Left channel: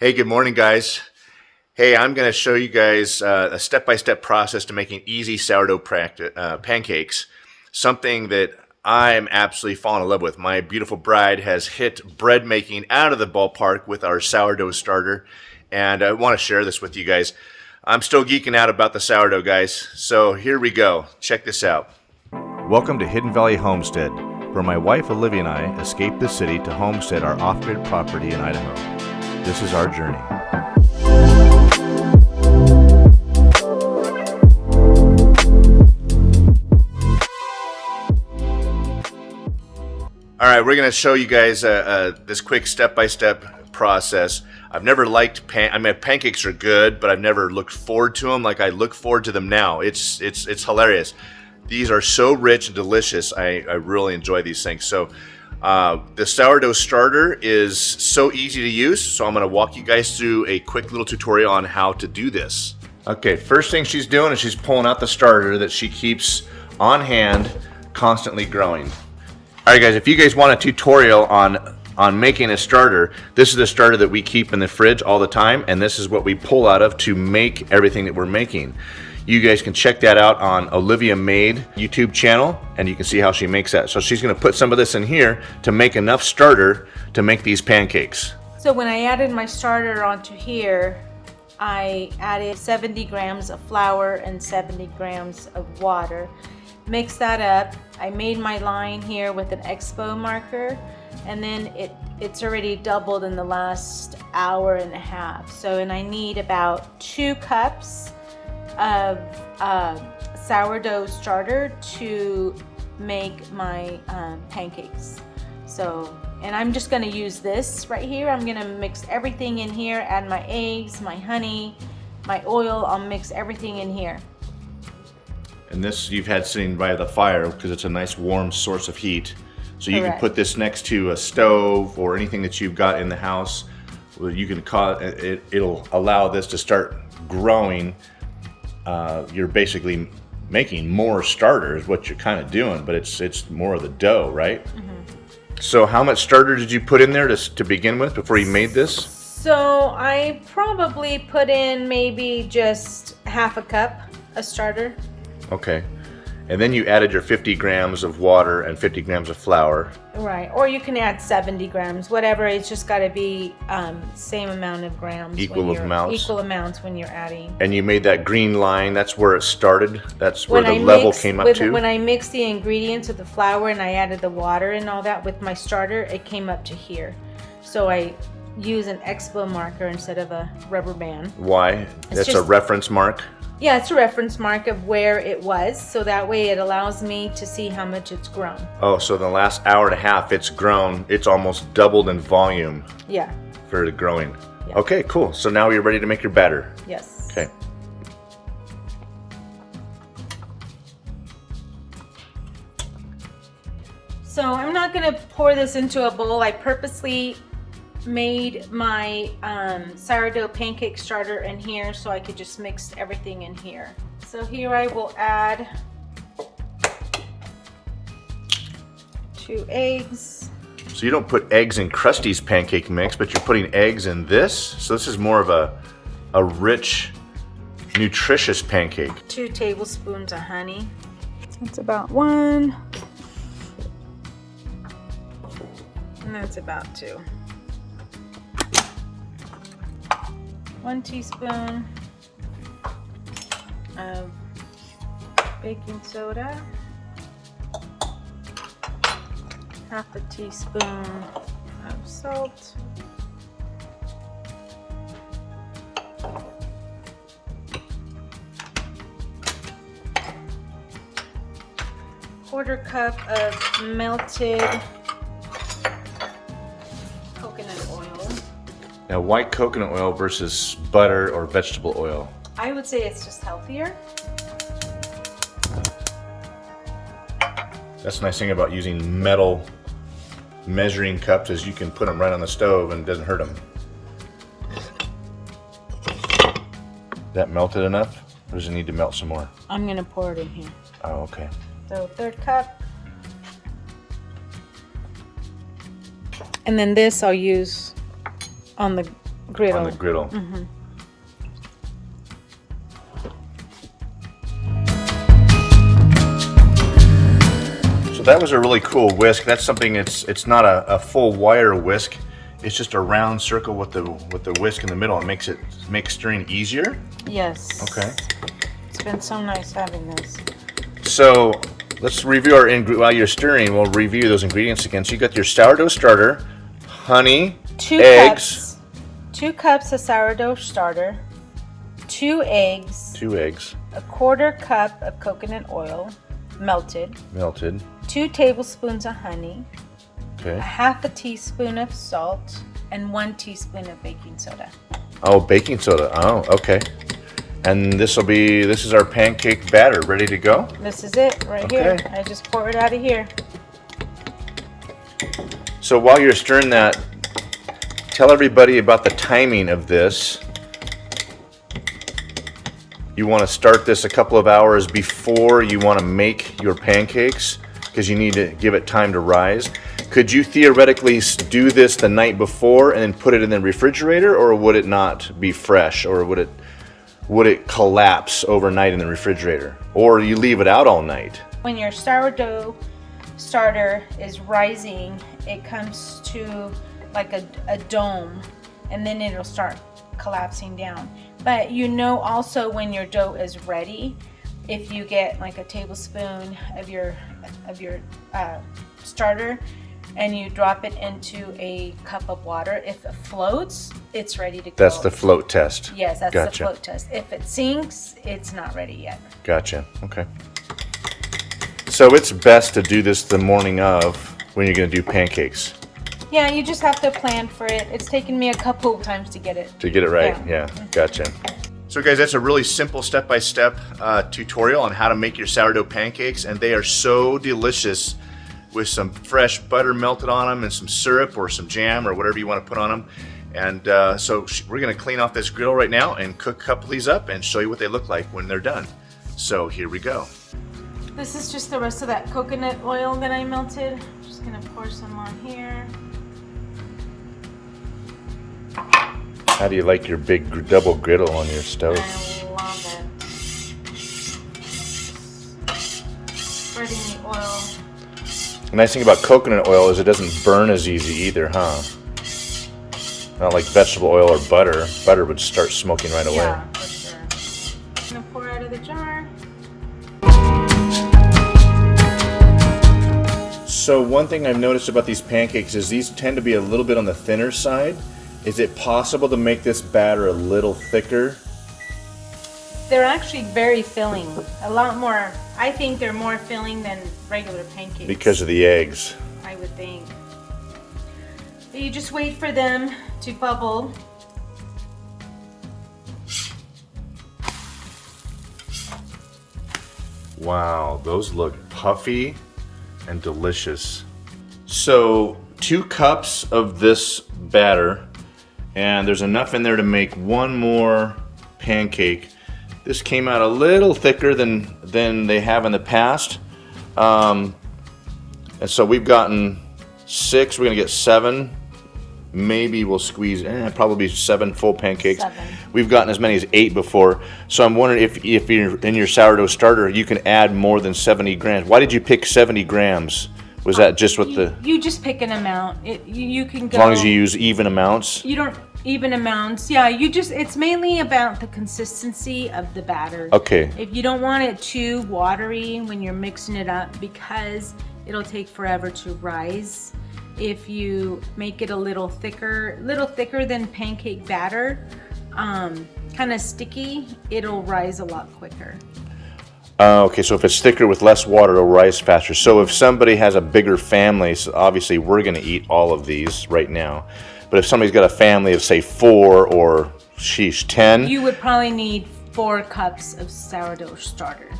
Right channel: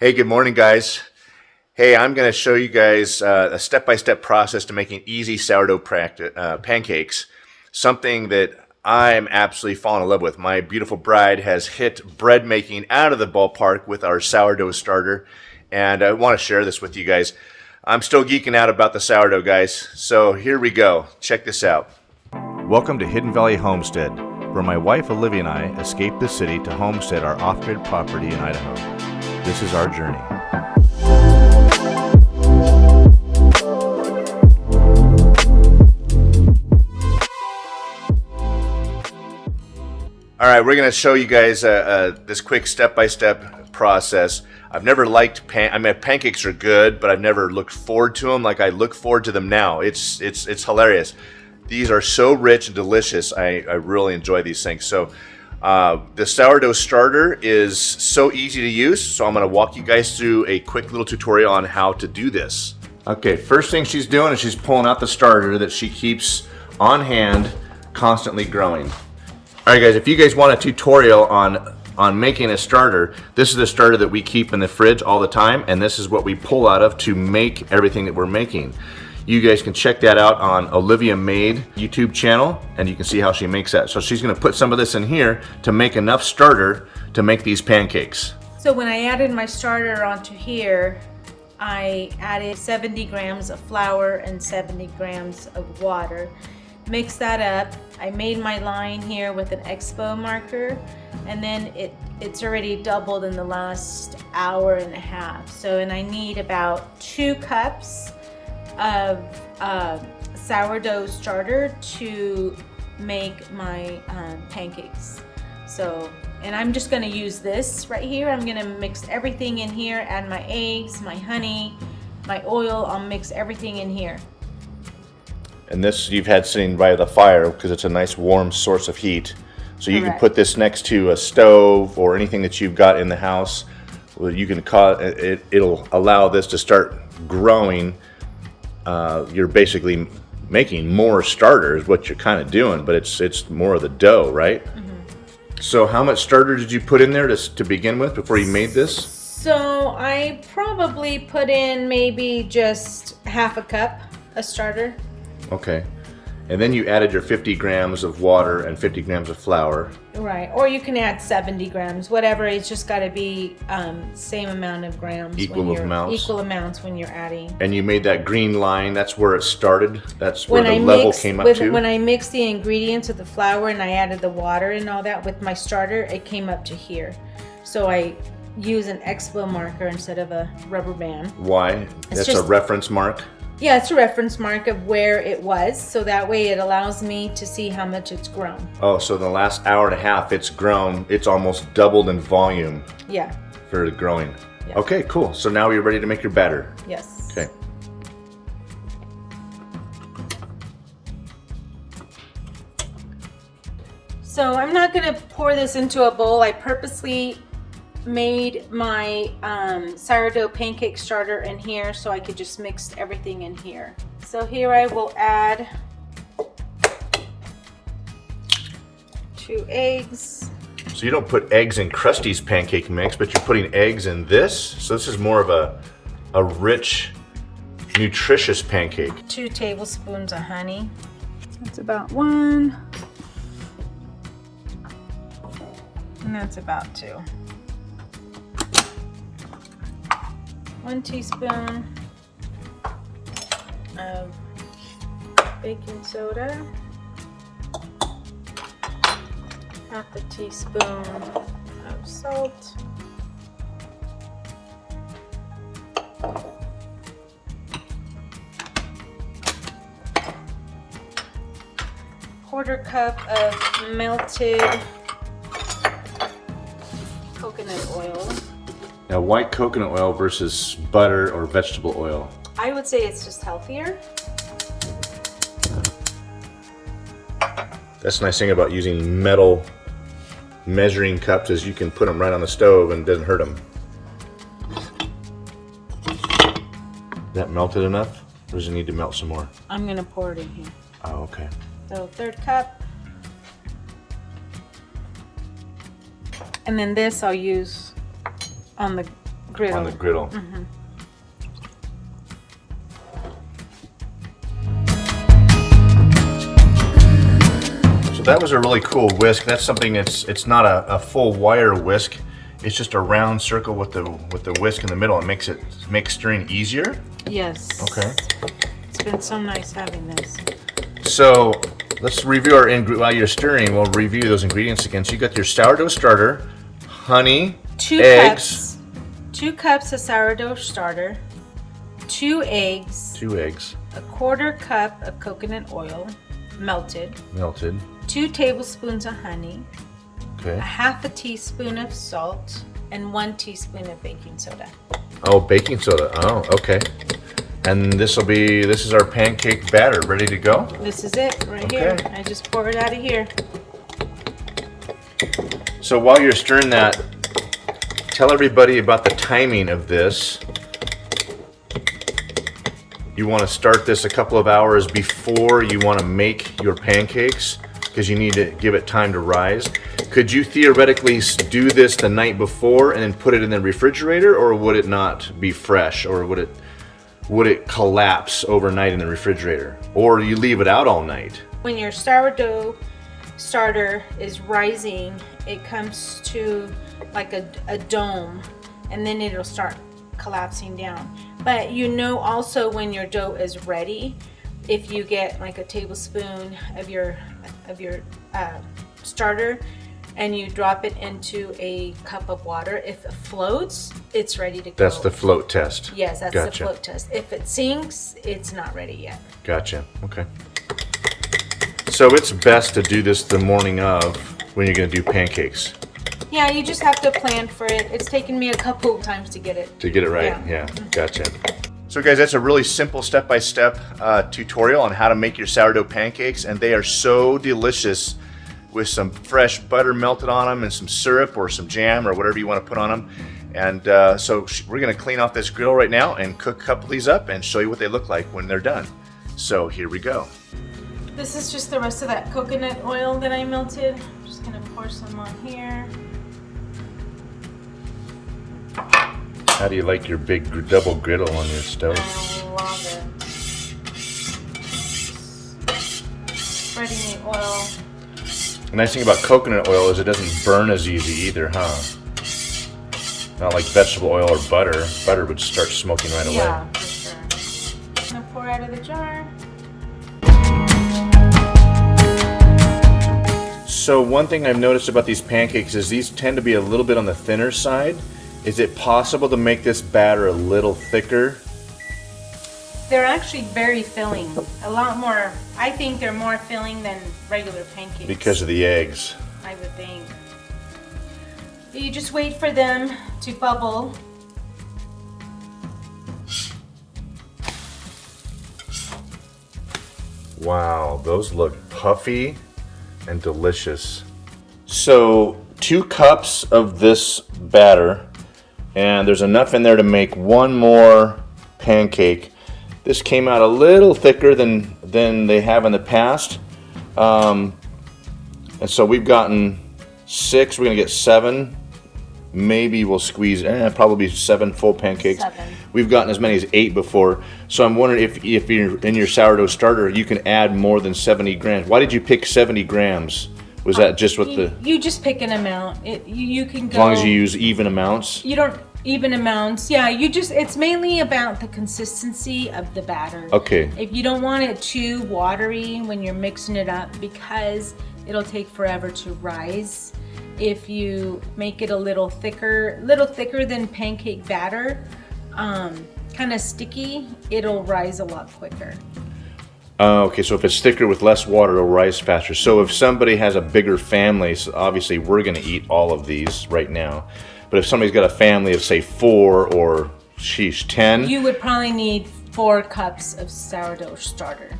Hey, good morning, guys. Hey, I'm going to show you guys a step-by-step process to making easy sourdough pancakes, something that I'm absolutely falling in love with. My beautiful bride has hit bread making out of the ballpark with our sourdough starter, and I want to share this with you guys. I'm still geeking out about the sourdough, guys, so here we go. Check this out. Welcome to Hidden Valley Homestead, where my wife Olivia and I escaped the city to homestead our off-grid property in Idaho. This is our journey. All right, we're going to show you guys this quick step-by-step process. I've never liked pancakes are good, but I've never looked forward to them like I look forward to them now. It's hilarious. These are so rich and delicious. I really enjoy these things. So the sourdough starter is so easy to use, so I'm going to walk you guys through a quick little tutorial on how to do this. Okay, first thing she's doing is she's pulling out the starter that she keeps on hand, constantly growing. All right, guys, if you guys want a tutorial on making a starter, this is the starter that we keep in the fridge all the time, and this is what we pull out of to make everything that we're making. You guys can check that out on Olivia Made YouTube channel, and you can see how she makes that. So she's going to put some of this in here to make enough starter to make these pancakes. So when I added my starter onto here, I added 70 grams of flour and 70 grams of water. Mix that up. I made my line here with an expo marker, and then it's already doubled in the last hour and a half. So, and I need about 2 cups of sourdough starter to make my pancakes. So, and I'm just going to use this right here. I'm going to mix everything in here, add my eggs, my honey, my oil. I'll mix everything in here. And this you've had sitting by the fire because it's a nice warm source of heat. So you can put this next to a stove or anything that you've got in the house. You can it'll allow this to start growing. You're basically making more starters, what you're kind of doing, but it's more of the dough, right? Mm-hmm. So how much starter did you put in there to begin with before you made this? So I probably put in maybe just half a cup of starter. Okay. And then you added your 50 grams of water and 50 grams of flour. Right, or you can add 70 grams, whatever. It's just got to be same amount of grams. Equal amounts when you're adding. And you made that green line. That's where it started. That's where the level came up to. When I mixed the ingredients with the flour and I added the water and all that with my starter, it came up to here. So I use an expo marker instead of a rubber band. Why? That's a reference mark? Yeah, it's a reference mark of where it was, so that way it allows me to see how much it's grown. Oh, so in the last hour and a half it's grown. It's almost doubled in volume. Yeah. For the growing. Yeah. Okay, cool. So now you're ready to make your batter. Yes. Okay. So I'm not going to pour this into a bowl. I purposely made my sourdough pancake starter in here so I could just mix everything in here. So here I will add 2 eggs. So you don't put eggs in Krusty's pancake mix, but you're putting eggs in this? So this is more of a rich, nutritious pancake. 2 tablespoons of honey. That's about 1. And that's about 2. 1 teaspoon of baking soda, half a teaspoon of salt, quarter cup of melted coconut oil. Now, why coconut oil versus butter or vegetable oil? I would say it's just healthier. That's the nice thing about using metal measuring cups is you can put them right on the stove and it doesn't hurt them. Is that melted enough? Or does it need to melt some more? I'm going to pour it in here. Oh, okay. So 1/3 cup. And then this I'll use on griddle. On the griddle. Mm-hmm. So that was a really cool whisk. That's something it's not a full wire whisk. It's just a round circle with the whisk in the middle. It makes stirring easier. Yes. Okay. It's been so nice having this. So let's review our while you're stirring. We'll review those ingredients again. So you got your sourdough starter, honey, 2 eggs, cups. 2 cups of sourdough starter, 2 eggs, 2 eggs, a 1/4 cup of coconut oil, melted, 2 tablespoons of honey, okay, 1/2 teaspoon of salt, and 1 teaspoon of baking soda. Oh, baking soda. Oh, okay. And this is our pancake batter ready to go. This is it right Okay. here. I just pour it out of here. So while you're stirring that, tell everybody about the timing of this. You want to start this a couple of hours before you want to make your pancakes because you need to give it time to rise. Could you theoretically do this the night before and then put it in the refrigerator, or would it not be fresh, or would it collapse overnight in the refrigerator, or you leave it out all night? When your sourdough starter is rising, it comes to like a dome, and then it'll start collapsing down. But you know also when your dough is ready, if you get like a tablespoon of your starter and you drop it into a cup of water, if it floats, it's ready to go. That's the float test. Yes, that's Gotcha. the float test. If it sinks, it's not ready yet. Gotcha. Okay. So it's best to do this the morning of when you're going to do pancakes. Yeah, you just have to plan for it. It's taken me a couple of times to get it. To get it right. Yeah. Gotcha. So guys, that's a really simple step-by-step tutorial on how to make your sourdough pancakes, and they are so delicious with some fresh butter melted on them and some syrup or some jam or whatever you want to put on them. And so we're going to clean off this griddle right now and cook a couple of these up and show you what they look like when they're done. So here we go. This is just the rest of that coconut oil that I melted. I'm just going to pour some on here. How do you like your big double griddle on your stove? I love it. Spreading the oil. The nice thing about coconut oil is it doesn't burn as easy either, huh? Not like vegetable oil or butter. Butter would start smoking right away. Yeah, for sure. I'm going to pour out of the jar. So one thing I've noticed about these pancakes is these tend to be a little bit on the thinner side. Is it possible to make this batter a little thicker? They're actually very filling. A lot more. I think they're more filling than regular pancakes. Because of the eggs. I would think. So you just wait for them to bubble. Wow, those look puffy and delicious. So 2 cups of this batter, and there's enough in there to make one more pancake. This came out a little thicker than they have in the past. And so we've gotten 6, we're gonna get 7. Maybe we'll squeeze, probably 7 full pancakes. 7. We've gotten as many as 8 before. So I'm wondering if you're in your sourdough starter, you can add more than 70 grams. Why did you pick 70 grams? Was that just what You just pick an amount. You can go. As long as you use even amounts? You don't even amounts. Yeah, it's mainly about the consistency of the batter. Okay. If you don't want it too watery when you're mixing it up, because it'll take forever to rise. If you make it a little thicker than pancake batter, kind of sticky, it'll rise a lot quicker. Okay, so if it's thicker with less water, it'll rise faster. So if somebody has a bigger family, so obviously we're going to eat all of these right now. But if somebody's got a family of, say, 4 or, 10. You would probably need 4 cups of sourdough starter.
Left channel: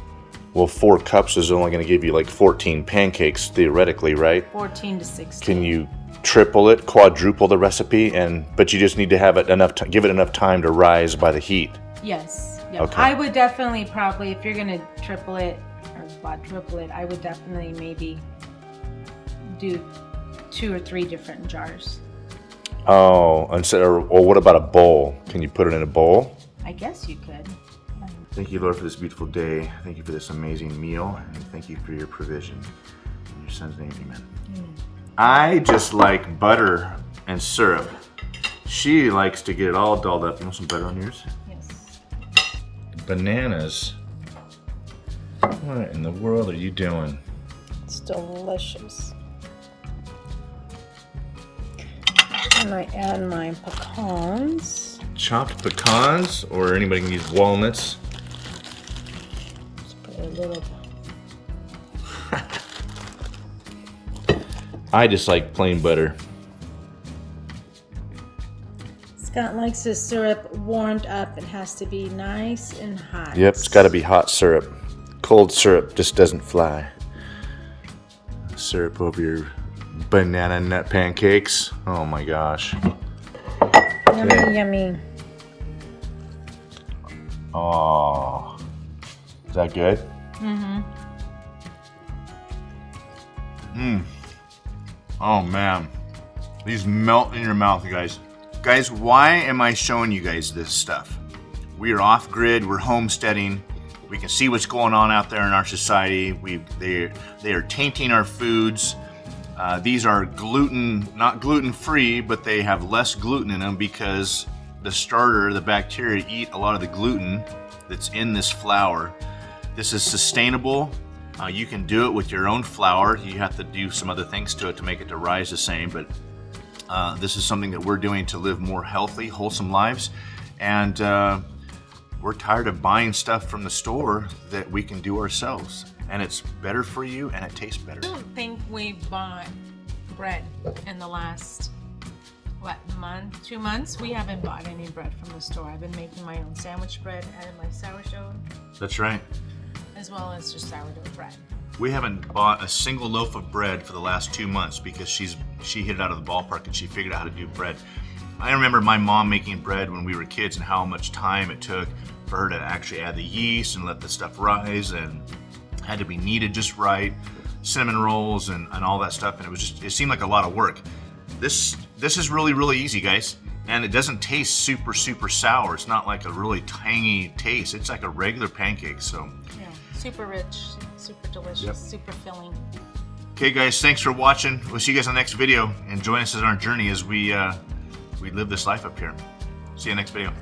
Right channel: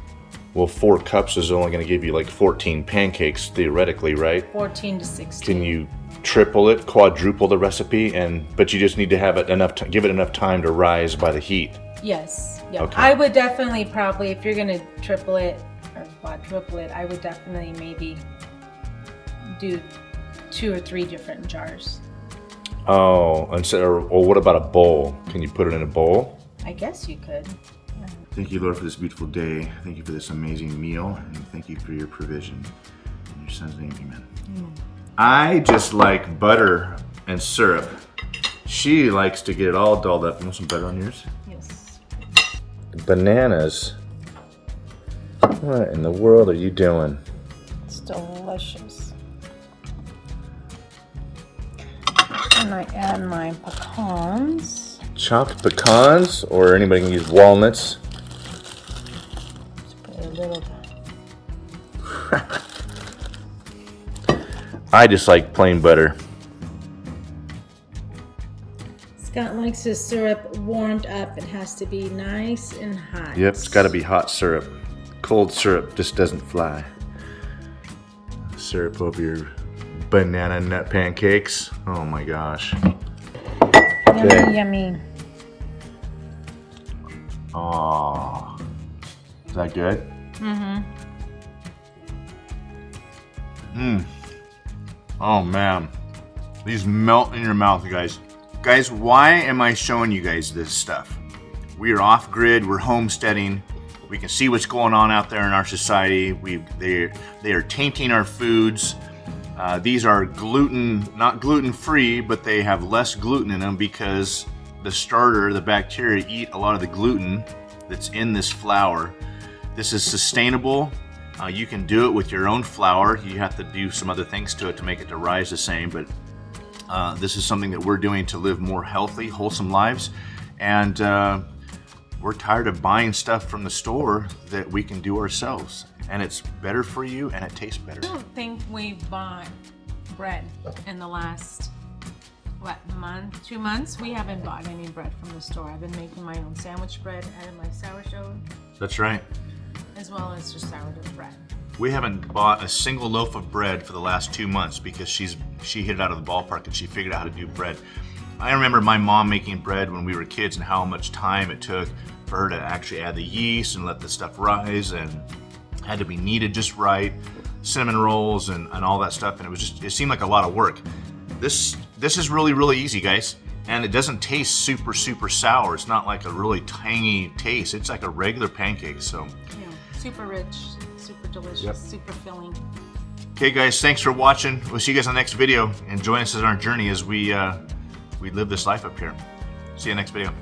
Well, 4 cups is only going to give you like 14 pancakes, theoretically, right? 14 to 16. Can you triple it, quadruple the recipe, but you just need to have it give it enough time to rise by the heat? Yes. Yeah. Okay. I would definitely probably, if you're going to triple it or quadruple it, I would definitely maybe do 2 or 3 different jars. Oh, instead, or what about a bowl? Can you put it in a bowl? I guess you could. Thank you, Lord, for this beautiful day. Thank you for this amazing meal. And thank you for your provision. In your son's name, amen. I just like butter and syrup. She likes to get it all dolled up. You want some butter on yours? Yes. Bananas. What in the world are you doing? It's delicious. And I add my pecans. Chopped pecans, or anybody can use walnuts. A little. I just like plain butter. Scott likes his syrup warmed up. It has to be nice and hot. Yep, it's got to be hot syrup. Cold syrup just doesn't fly. Syrup over your banana nut pancakes. Oh my gosh. Yummy, yummy. Oh, is that good? Mm-hmm. Oh man, these melt in your mouth, guys. Guys, why am I showing you guys this stuff? We are off grid. We're homesteading. We can see what's going on out there in our society. They are tainting our foods. These are not gluten free, but they have less gluten in them because the starter, the bacteria, eat a lot of the gluten that's in this flour. This is sustainable. You can do it with your own flour. You have to do some other things to it to make it to rise the same, but this is something that we're doing to live more healthy, wholesome lives. And we're tired of buying stuff from the store that we can do ourselves. And it's better for you and it tastes better. I don't think we bought bread in the last, month, 2 months? We haven't bought any bread from the store. I've been making my own sandwich bread out of my sourdough, That's right. as well as just sourdough bread. We haven't bought a single loaf of bread for the last 2 months because she hit it out of the ballpark and she figured out how to do bread. I remember my mom making bread when we were kids and how much time it took for her to actually add the yeast and let the stuff rise, and had to be kneaded just right, cinnamon rolls and all that stuff, and it seemed like a lot of work. This is really, really easy, guys, and it doesn't taste super sour. It's not like a really tangy taste. It's like a regular pancake. So Yeah, super rich, super delicious, Yep. super filling. okay, guys, thanks for watching. We'll see you guys on the next video, and join us on our journey as we live this life up here. See you next video.